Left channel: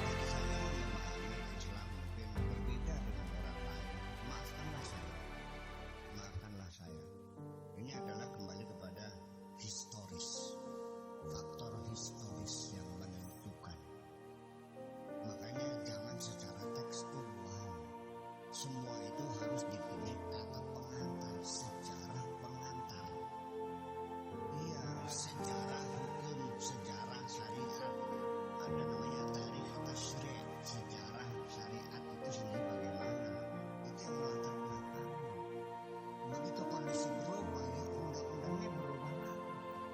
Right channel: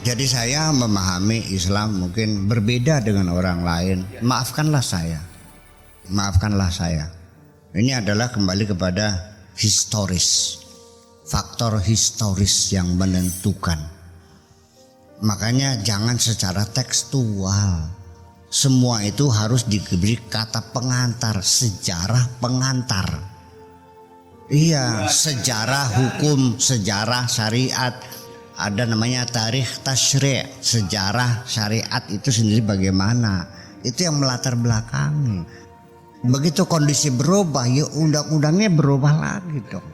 Jadi saya memahami Islam mungkin berbeda dengan orang lain. Maafkanlah saya. Maafkanlah saya. Ini adalah kembali kepada historis. Faktor historis yang menentukan. Makanya jangan secara tekstual. Semua itu harus diberi kata pengantar, sejarah pengantar. Iya, sejarah hukum, sejarah syariat. Ada namanya tarikh tasyri', sejarah syariat itu sendiri bagaimana. Itu yang melatar belakangi. Begitu kondisi berubah, ya undang-undangnya berubah lagi dong.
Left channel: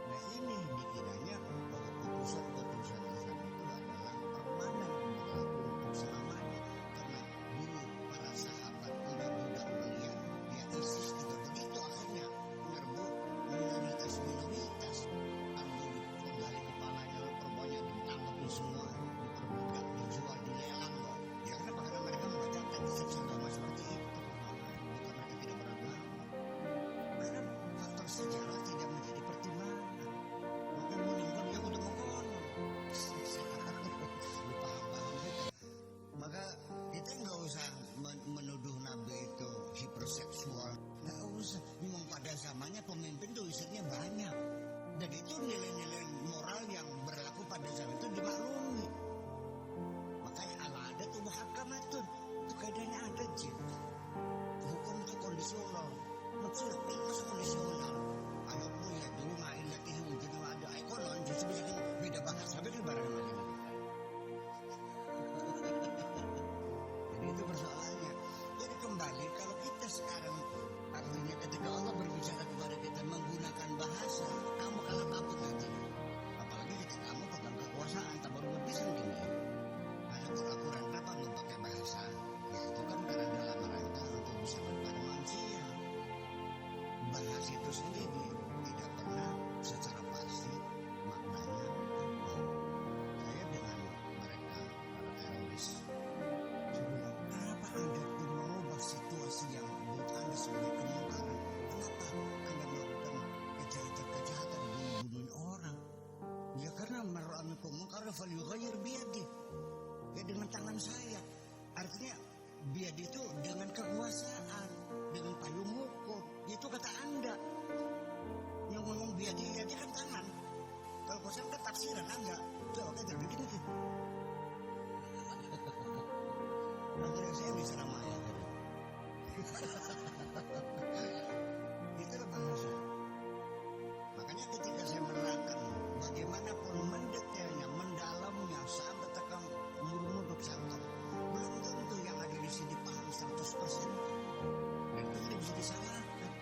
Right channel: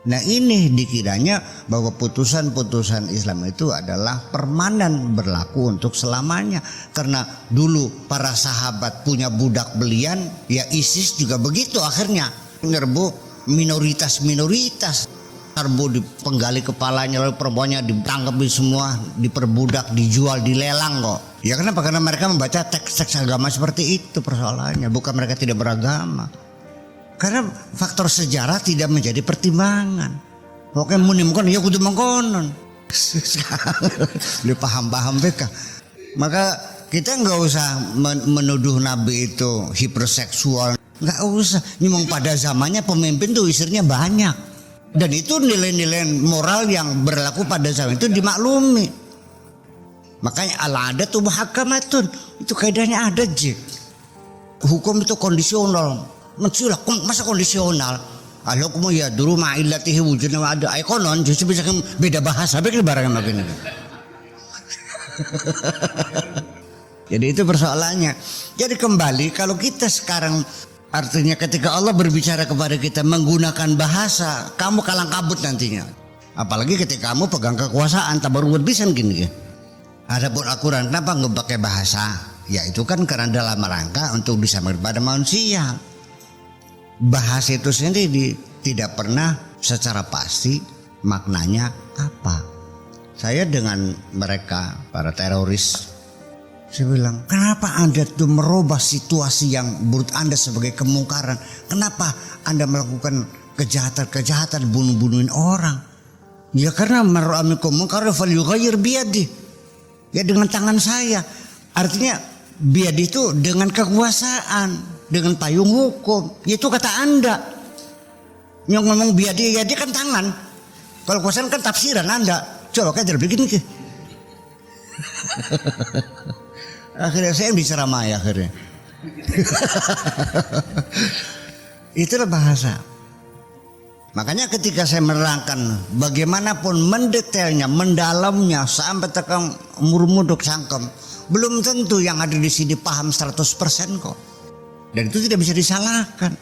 Nah ini dikiranya bahwa putusan-putusan Islam itu adalah permanen, berlaku untuk selamanya. Karena dulu para sahabat punya budak belian, ya ISIS juga begitu akhirnya. Nyerbu minoritas-minoritas. Serbu dipenggali kepalanya, lalu perempuannya ditangkap semua, diperbudak, dijual, dilelang kok. Ya kenapa? Karena mereka membaca teks-teks agama seperti itu persoalannya. Bukan mereka tidak beragama. Karena faktor sejarah tidak menjadi pertimbangan. Pokoknya menimbulkan ya kudu mengkonon. Lu paham-paham beka. Maka kita nggak usah menuduh Nabi itu hiperseksual. Nggak usah. Memang pada zamannya pemimpin tuh istrinya banyak. Dan itu nilai-nilai moral yang berlaku pada zaman itu dimaklumi. Makanya al-adatu muhakkamatun. Itu kaidahnya ada J. Hukum itu kondisional. Masa kondisional? Al-hukmu ya dulu ma'illatihi wujudna wa ada konon justru bisa beda bahasa begini barangnya begini. Jadi itu persoalannya. Jadi kembali kalau kita sekarang artinya ketika Allah berbicara kepada kita menggunakan bahasa, kamu kalang kabut nantinya. Apalagi ketika kamu pegang kekuasaan, tak baru bisa gini. Adapun Al-Quran kenapa nggak pakai bahasa? Ya itu kan karena dalam rangka untuk disampaikan pada manusia. Bahasa itu sendiri tidak pernah secara pasti maknanya apa. Saya dengan mereka para teroris, saya bilang, kenapa Anda tuh merubah situasi yang menurut Anda sebagai kemungkaran? Kenapa Anda melakukan kejahatan-kejahatan, bunuh-bunuhin orang? Ya karena mar'amikum mungkaran falyughayyir biyadihi. Ya dengan tangan saya. Artinya biyadihi itu dengan kekuasaan, dengan payung hukum. Ya itu kata Anda. Yang ngomong biyadihi ya dia kan tangan. Kalau kekuasaan kan tafsiran Anda. Coba kayak begini. Akhirnya saya diceramai akhirnya. Itulah bahasa. Makanya ketika saya menerangkan bagaimanapun mendetailnya, mendalamnya sampai tekan murmuduk sangkem, belum tentu yang ada di sini paham 100% kok. Dan itu tidak bisa disalahkan.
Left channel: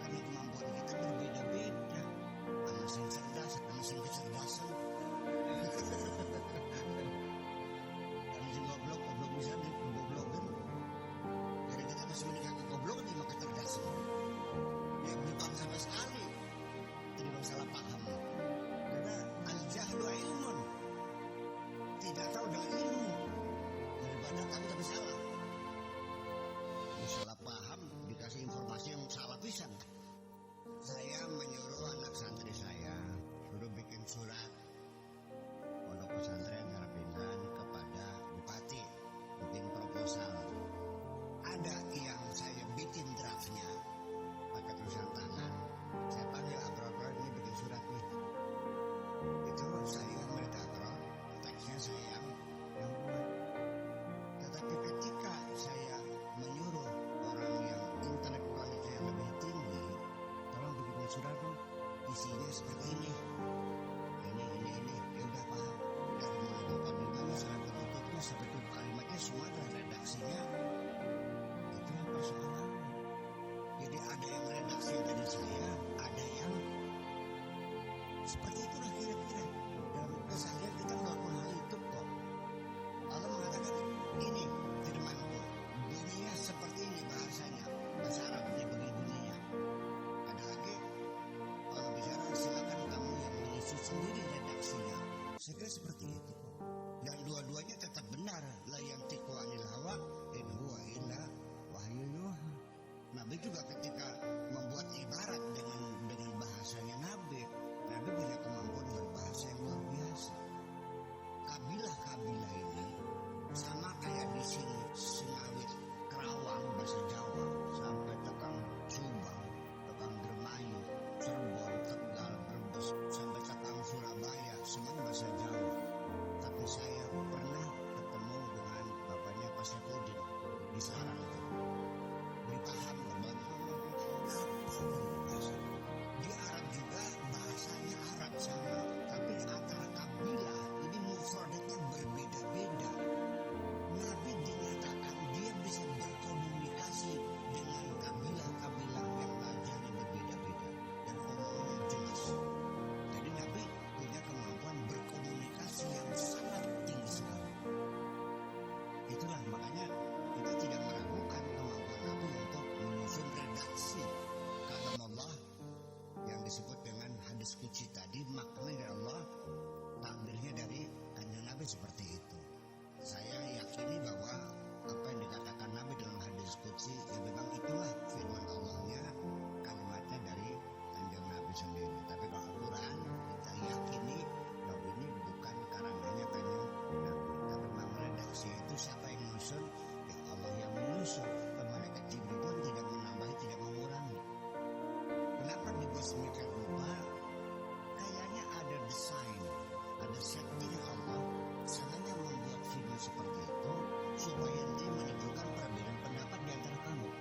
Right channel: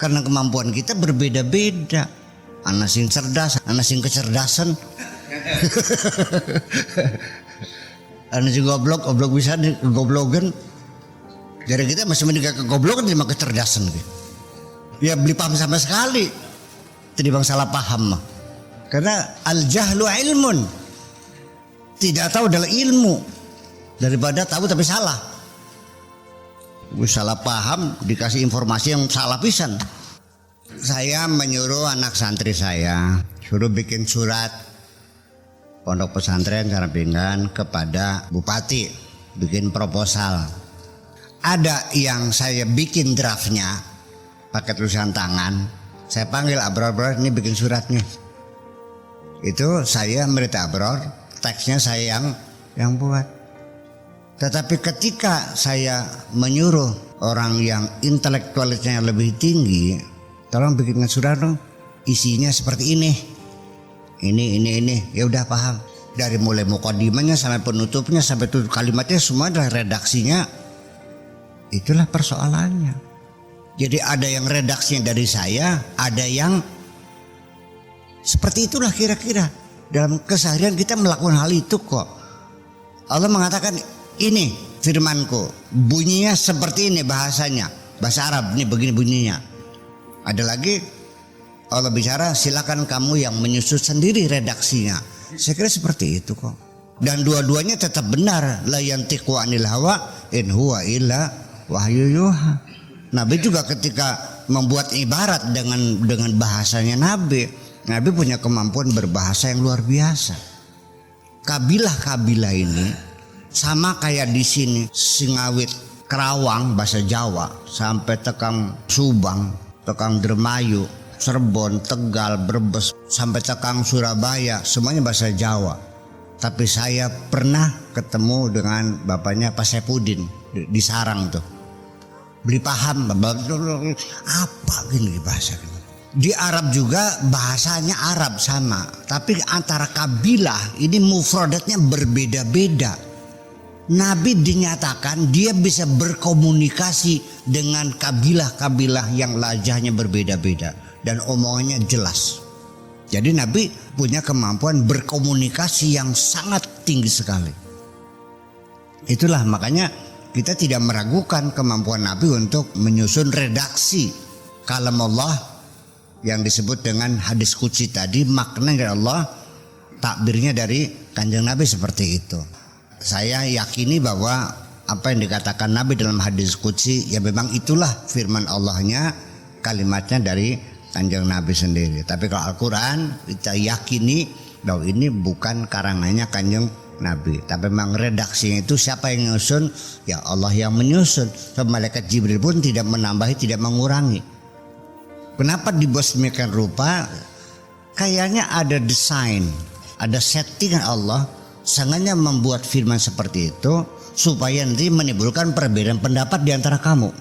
Karena kemampuan kita berbeda-beda. Ana sing cerdas, ana sing kecerdasan. Anu si goblok bisa digoblogan. Jadi kita masih mending kegoblokan daripada kecerdasan gitu. Ya beli paham sama sekali. Tidak bang salah paham. Karena al-jahlu ilmun. Tidak tahu adalah ilmu. Daripada tahu tapi salah. Salah paham dikasih informasi yang salah pisan. Saya menyuruh anak santri saya suruh bikin surat Pondok Pesantren Karangpinggan kepada Bupati, bikin proposal. Ada yang saya bikin draftnya pakai tulisan tangan. Saya panggil Abror, ini bikin suratnya. Itu saya merita Abror, teksnya saya yang buat. Tetapi ketika saya menyuruh orang yang intelektualitasnya lebih tinggi, tolong bikinkan surat dong, isinya seperti ini. Ini ya udah paham. Dari mulai mukadimahnya sampai penutupnya sampai tutup kalimatnya semua adalah redaksinya. Itulah persoalannya. Jadi ada yang redaksinya dari saya, ada yang seperti itulah kira-kira. Dalam keseharian kita melakukan hal itu kok. Allah mengatakan ini firmanku, bunyinya seperti ini bahasanya. Bahasa Arab ini begini bunyinya. Ada lagi Allah bicara silakan kamu yang menyusun sendiri redaksinya. Saya kira seperti itu kok. Dan dua-duanya tetap benar. La yantiqu anil hawa in huwa illa wahyu yuha. Nabi juga ketika membuat ibarat dengan bahasanya Nabi punya kemampuan berbahasa yang luar biasa. kabilah-kabilah ini sama kayak di sini Singawit, Kerawang bahasa Jawa sampai tekang Subang, tekang Dermayu, Cirebon, Tegal, Brebes sampai tekang Surabaya semuanya bahasa Jawa. Tapi saya pernah ketemu dengan bapaknya Pak Saipudin di Sarang tuh. Beli paham apa gini bahasa. Di Arab juga bahasanya Arab sama, tapi antara kabilah ini mufradatnya berbeda-beda. Nabi dinyatakan dia bisa berkomunikasi dengan kabilah-kabilah yang lajahnya berbeda-beda dan omongannya jelas. Jadi Nabi punya kemampuan berkomunikasi yang sangat tinggi sekali. Itulah makanya kita tidak meragukan kemampuan Nabi untuk menyusun redaksi kalam Allah yang disebut dengan hadis qudsi tadi, makna dari Allah, takbirnya dari Kanjeng Nabi seperti itu. Saya yakini bahwa apa yang dikatakan Nabi dalam hadis qudsi ya memang itulah firman Allahnya, kalimatnya dari Kanjeng Nabi sendiri. Tapi kalau Al-Quran kita yakini bahwa ini bukan karangannya Kanjeng Nabi, tapi memang redaksinya itu siapa yang menyusun? Ya Allah yang menyusun. So, malaikat Jibril pun tidak menambahi, tidak mengurangi. Kenapa dibuat sedemikian rupa? Kayaknya ada desain, ada settingan Allah sengaja membuat firman seperti itu supaya nanti menimbulkan perbedaan pendapat di antara kamu.